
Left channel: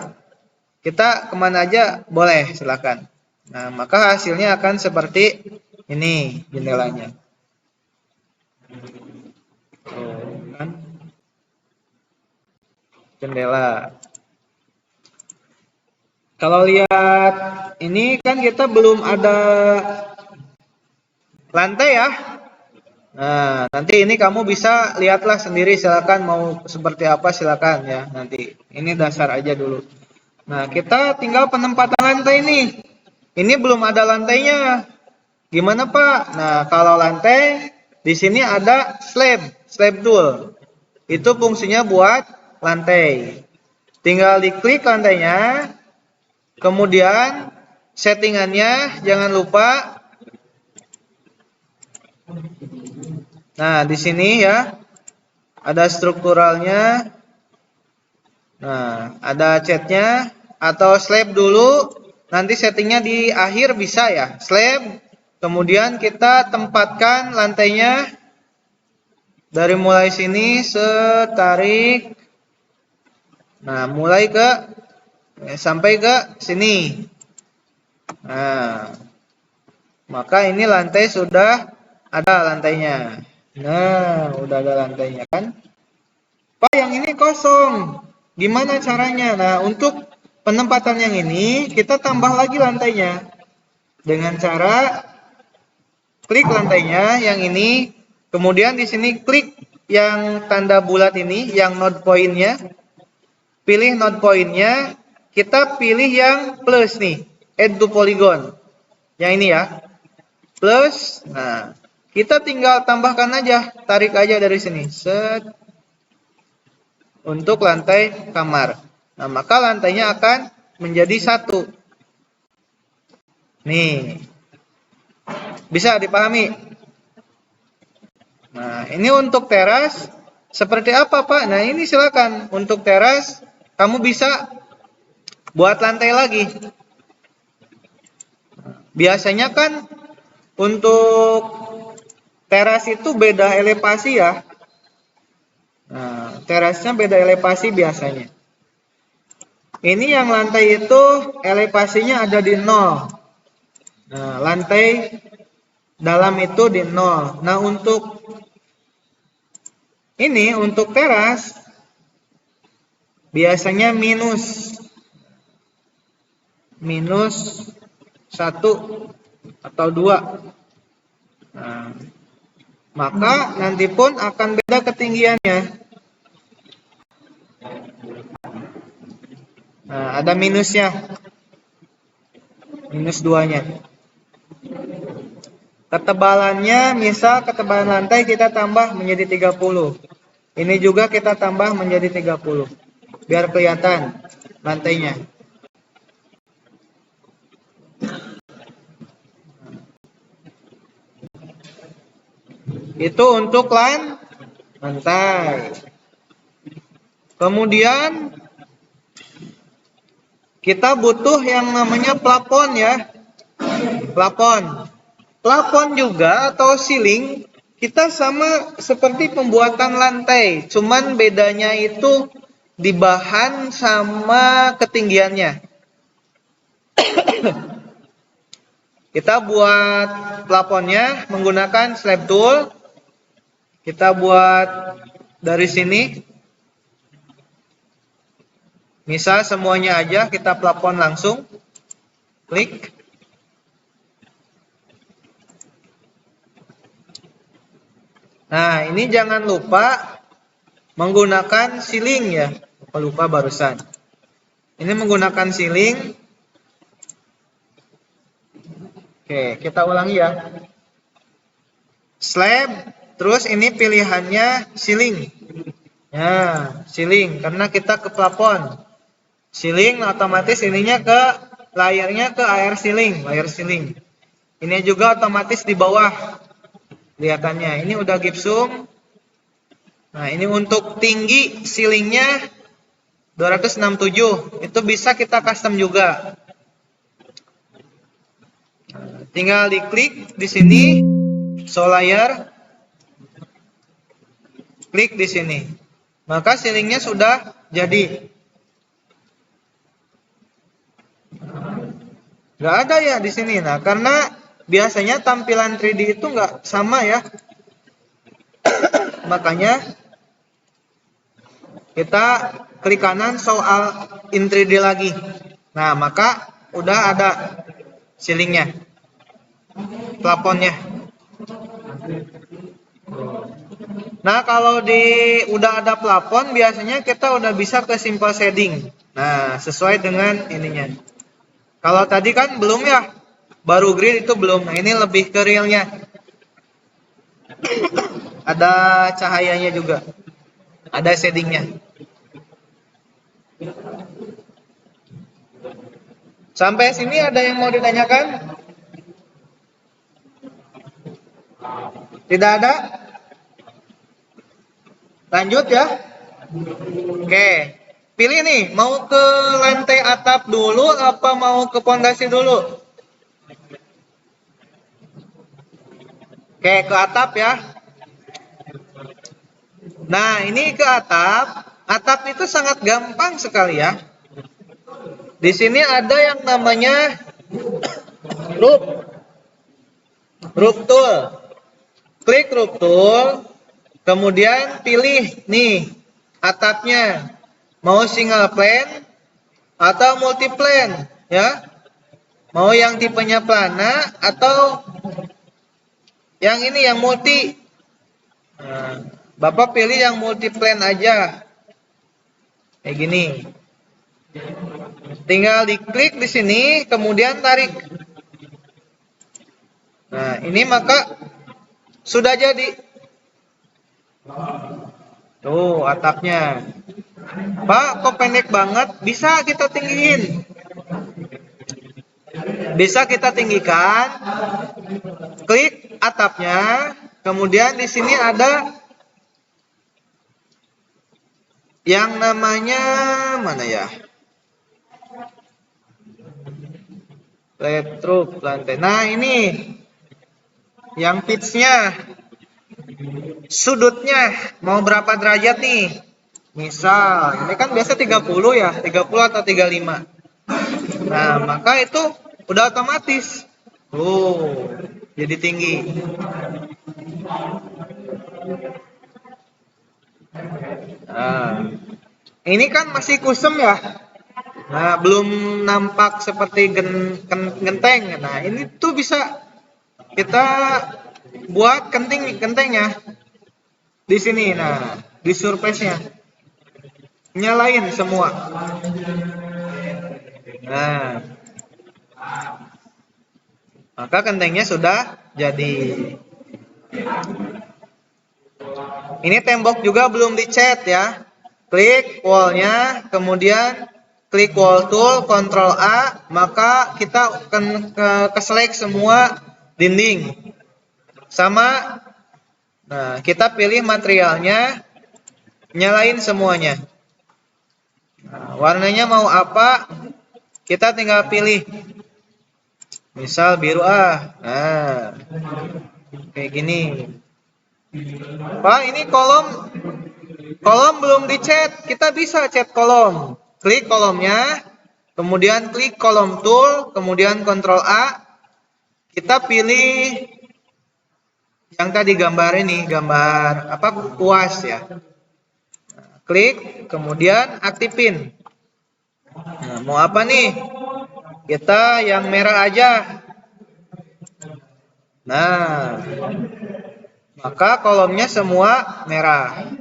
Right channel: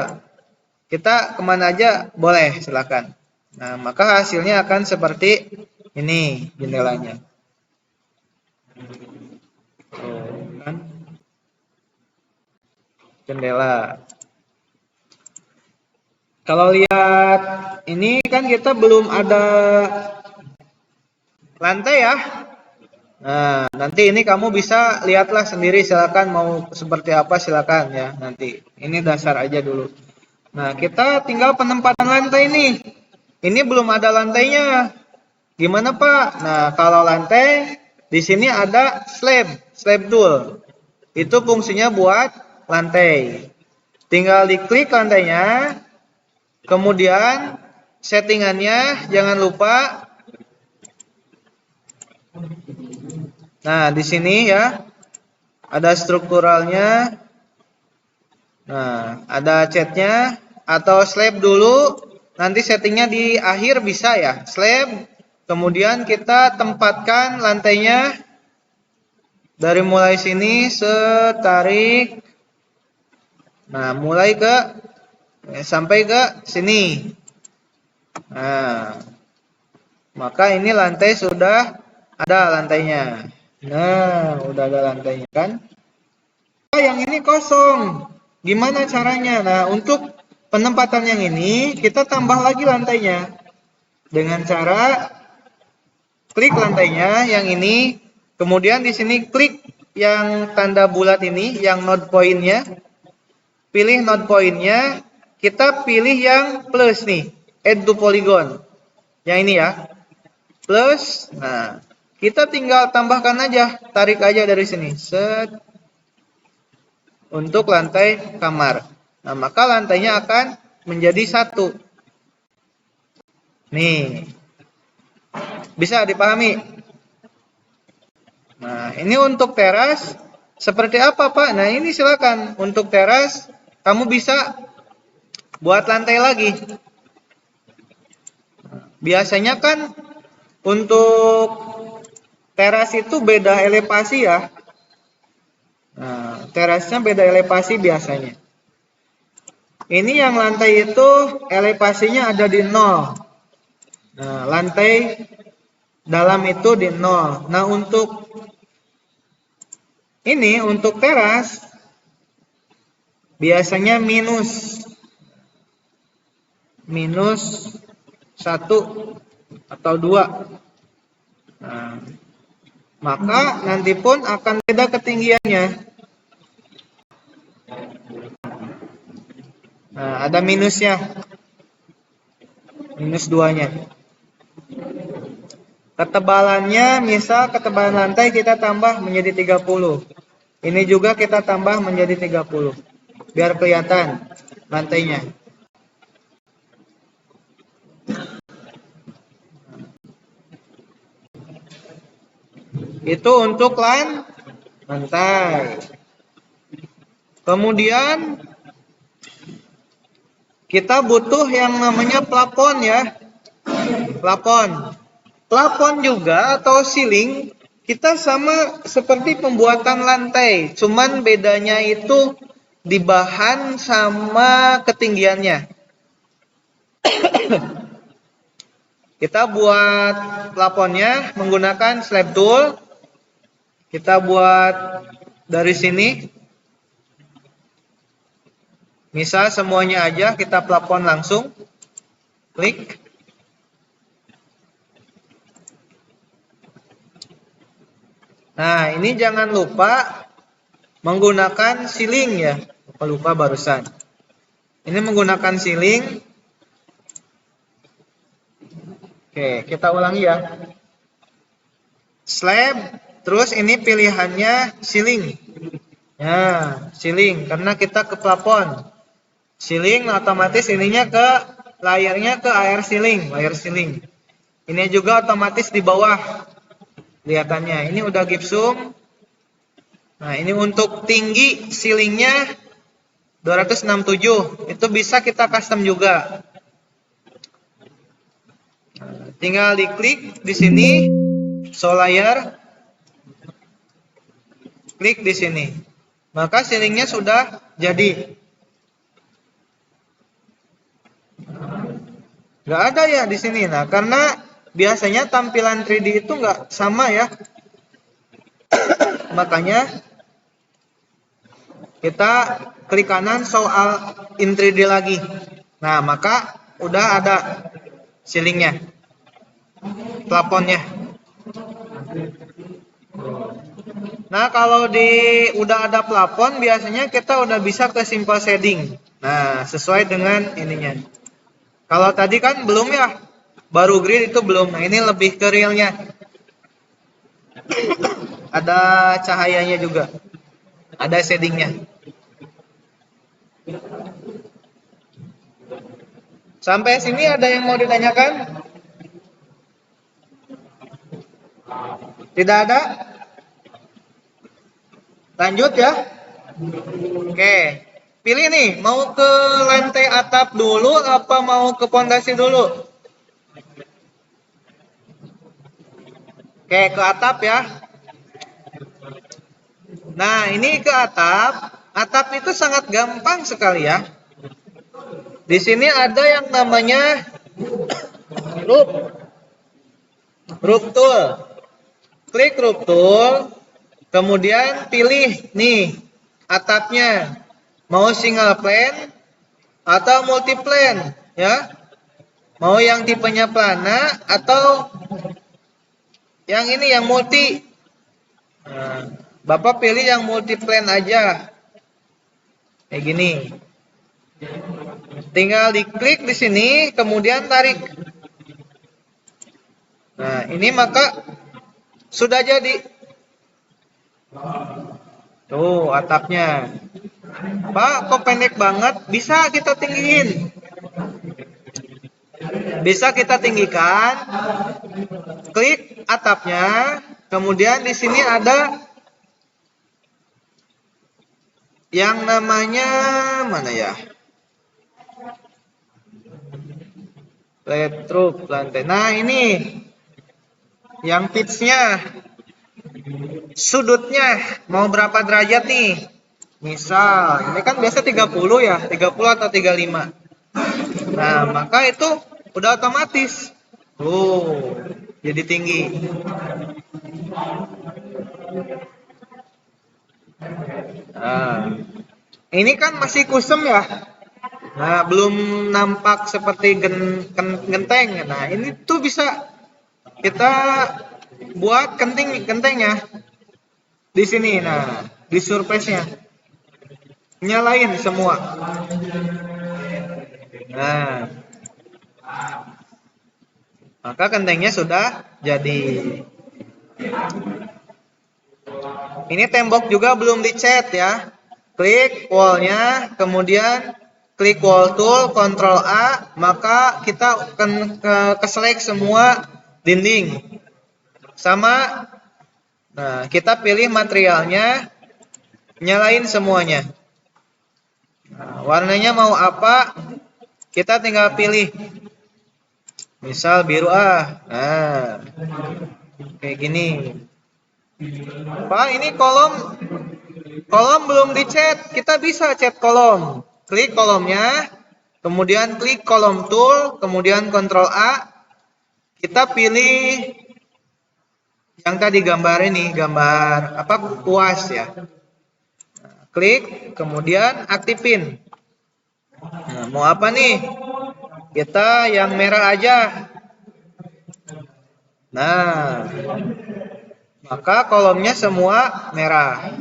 kita kemana aja boleh, silakan. Nah, maka hasilnya akan seperti ini jendelanya. Jendela. Kalau lihat ini kan kita belum ada lantai ya. Nah, nanti ini kamu bisa lihatlah sendiri, silakan mau seperti apa silakan ya. Nanti ini dasar aja dulu. Nah, kita tinggal penempatan lantai ini. Ini belum ada lantainya. Gimana Pak? Nah, kalau lantai di sini ada slab tool. Itu fungsinya buat lantai. Tinggal diklik lantainya. Kemudian settingannya jangan lupa. Nah, di sini ya ada strukturalnya. Nah, ada catnya atau slab dulu. Nanti settingnya di akhir bisa ya, slab. Kemudian kita tempatkan lantainya dari mulai sini tarik. Nah, mulai ke sampai ke sini. Nah, maka ini lantai sudah ada lantainya. Nah, udah ada lantainya kan? Pak, yang ini kosong. Gimana caranya? Nah, untuk penempatannya ini kita tambah lagi lantainya dengan cara klik lantainya yang ini, kemudian di sini klik yang tanda bulat ini, yang node point-nya, pilih node point-nya, kita pilih yang plus nih, add to polygon, yang ini ya, plus. Nah, kita tinggal tambahkan aja, tarik aja dari sini, set, untuk lantai kamar. Nah, maka lantainya akan menjadi 1. Nih, bisa dipahami. Nah, ini untuk teras seperti apa Pak? Nah, ini silakan. Untuk teras kamu bisa buat lantai lagi. Biasanya kan untuk teras itu beda elevasi ya. Nah, terasnya beda elevasi biasanya. Ini yang lantai itu elevasinya ada di 0. Nah, lantai dalam itu di 0. Nah, untuk ini, untuk teras biasanya minus 1 atau 2. Nah, maka nanti pun akan beda ketinggiannya. Nah, ada minusnya, minus 2-nya. Ketebalannya, misal ketebalan lantai kita tambah menjadi 30. Ini juga kita tambah menjadi 30 biar kelihatan lantainya. Itu untuk lantai. Kemudian kita butuh yang namanya plafon ya. Plafon juga atau ceiling kita sama seperti pembuatan lantai, cuman bedanya itu di bahan sama ketinggiannya. Kita buat plafonnya menggunakan slab tool. Kita buat dari sini. Misal semuanya aja kita plafon langsung. Klik. Nah, ini jangan lupa menggunakan ceiling ya. Lupa barusan. Ini menggunakan ceiling. Oke, kita ulangi ya. Slab, terus ini pilihannya ceiling. Ya, ceiling karena kita ke plafon. Ceiling otomatis ceilingnya ke layarnya ke layar ceiling. Ini juga otomatis di bawah. Kelihatannya ini udah gipsum. Nah, ini untuk tinggi ceilingnya 267. Itu bisa kita custom juga. Tinggal diklik di sini, show layer, klik di sini. Maka ceilingnya sudah jadi. Gak ada ya di sini. Nah, karena biasanya tampilan 3D itu nggak sama ya. Makanya kita klik kanan soal in 3D lagi. Nah, maka udah ada ceilingnya, plafonnya. Nah, kalau udah ada plafon biasanya kita udah bisa ke simple shading. Nah, sesuai dengan ininya. Kalau tadi kan belum ya. Baru grid itu belum, ini lebih ke realnya. Ada cahayanya juga, ada shadingnya. Sampai sini ada yang mau ditanyakan? Tidak ada? Lanjut ya. Oke, pilih nih, mau ke lantai atap dulu apa mau ke pondasi dulu? Oke, ke atap ya. Nah, ini ke atap. Atap itu sangat gampang sekali ya. Di sini ada yang namanya roof tool. Klik roof tool, kemudian pilih nih atapnya. Mau single plane atau multi plane ya. Mau yang tipenya plana atau yang ini yang multi. Nah, Bapak pilih yang multi plane aja. Kayak gini. Tinggal diklik di sini, kemudian tarik. Nah, ini maka sudah jadi. Tuh atapnya. Pak, kok pendek banget? Bisa kita tinggiin. Bisa kita tinggikan. Klik atapnya, kemudian di sini ada yang namanya mana ya? Retro lantai. Nah, ini yang pitch-nya, sudutnya mau berapa derajat nih? Misal, ini kan biasa 30 ya, 30 atau 35. Nah, maka itu udah otomatis. Jadi tinggi. Nah, ini kan masih kusum ya. Nah, belum nampak seperti genteng. Nah, ini tuh bisa kita buat gentengnya di sini. Nah, di surface-nya. Nyalain semua. Nah, maka gentengnya sudah jadi. Ini tembok juga belum dicat ya. Klik wallnya, kemudian klik wall tool, Ctrl A, maka kita akan select semua dinding. Sama, nah, kita pilih materialnya, nyalain semuanya. Nah, warnanya mau apa? Kita tinggal pilih. Misal biru nah, kayak gini. Pak, ini kolom belum dicat, kita bisa cat kolom. Klik kolomnya, kemudian klik kolom tool, kemudian Ctrl A. Kita pilih yang tadi gambar ini, gambar apa, kuas ya. Klik, kemudian aktifin. Nah, mau apa nih? Kita yang merah aja. Nah, maka kolomnya semua merah,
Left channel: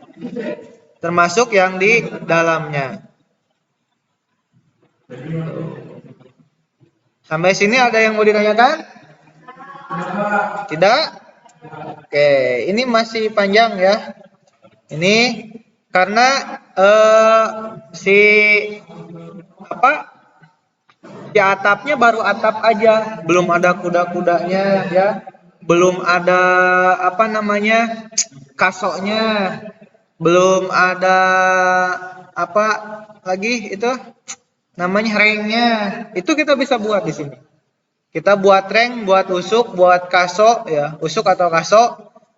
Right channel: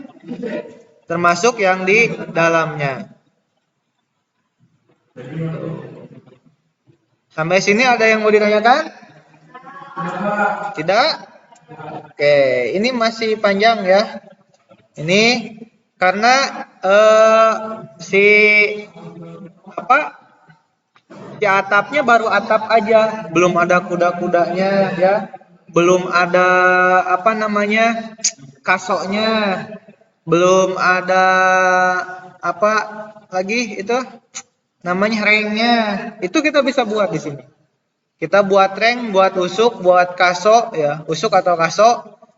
termasuk yang di dalamnya. Sampai sini ada yang mau ditanyakan? Tidak? Oke, ini masih panjang ya. Ini karena si atapnya baru atap aja, belum ada kuda-kudanya ya. Belum ada kasoknya, belum ada apa lagi itu namanya rengnya. Itu kita bisa buat di sini. Kita buat reng, buat usuk, buat kasok ya, usuk atau kasok.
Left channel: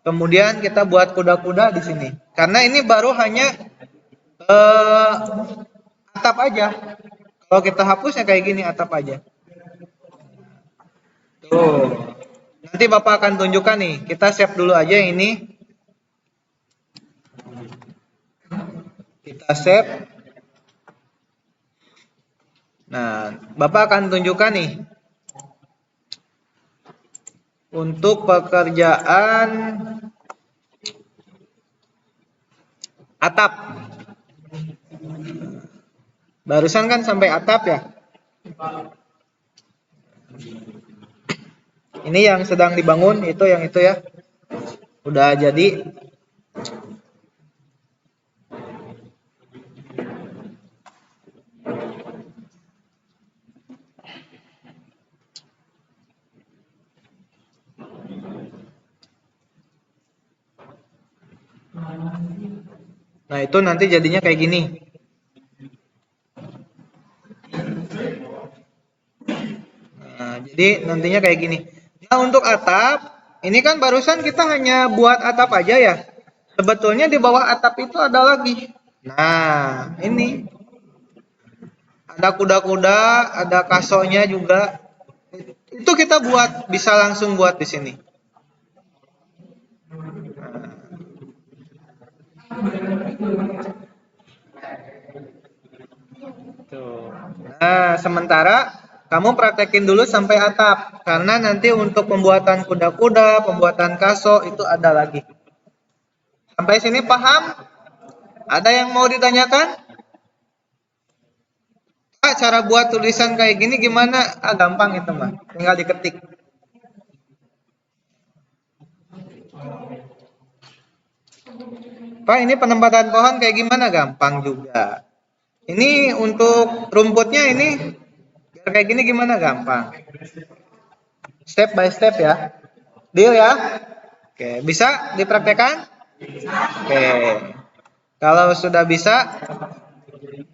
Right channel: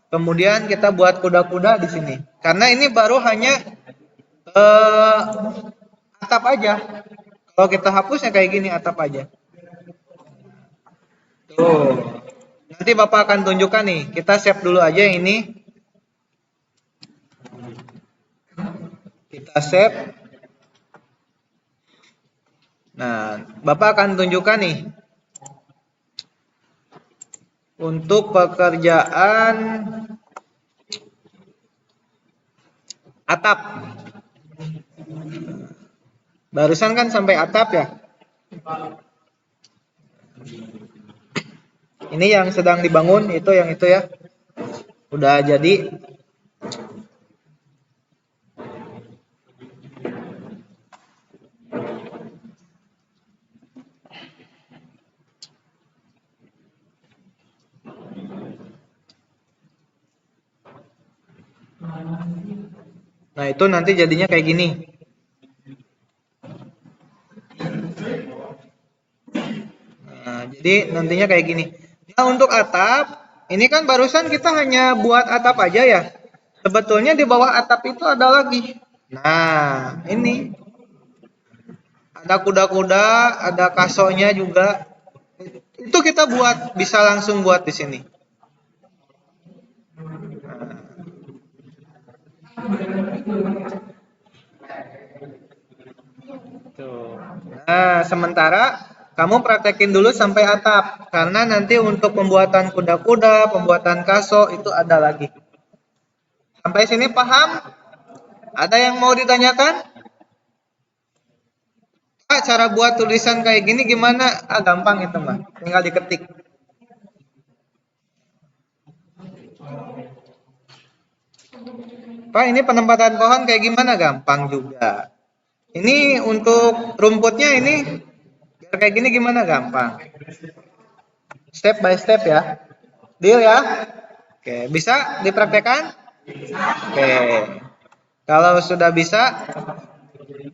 Kemudian kita buat kuda-kuda di sini. Karena ini baru hanya atap aja. Kalau kita hapusnya kayak gini atap aja. Tuh. Nanti Bapak akan tunjukkan nih. Kita save dulu aja yang ini. Kita save. Nah, Bapak akan tunjukkan nih. Untuk pekerjaan atap. Barusan kan sampai atap ya. Ini yang sedang dibangun itu ya. Udah jadi. Nah, itu nanti jadinya kayak gini. Nah, jadi nantinya kayak gini. Nah, untuk atap, ini kan barusan kita hanya buat atap aja ya. Sebetulnya di bawah atap itu ada lagi. Nah, ini. Ada kuda-kuda, ada kasornya juga. Itu kita buat, bisa langsung buat di sini. Nah, sementara kamu praktekin dulu sampai atap, karena nanti untuk pembuatan kuda-kuda, pembuatan kasur itu ada lagi. Sampai sini paham? Ada yang mau ditanyakan? Cara buat tulisan kayak gini gimana? Gampang ini teman, tinggal diketik. Pak, ini penempatan pohon kayak gimana? Gampang juga. Ini untuk rumputnya ini kayak gini gimana? Gampang. Step by step ya. Deal ya. Oke, bisa dipraktekkan? Oke. Kalau sudah bisa,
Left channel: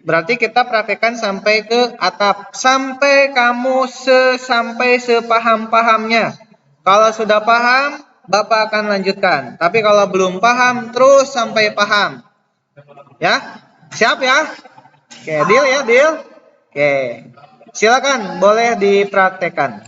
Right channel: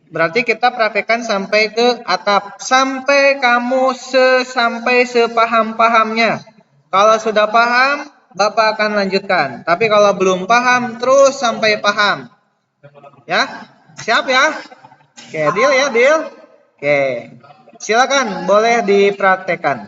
berarti kita praktekkan sampai ke atap, sampai kamu sampai sepaham-pahamnya. Kalau sudah paham, Bapak akan lanjutkan. Tapi kalau belum paham, terus sampai paham. Ya, siap ya? Oke, deal ya, deal. Oke, silakan boleh dipraktekkan.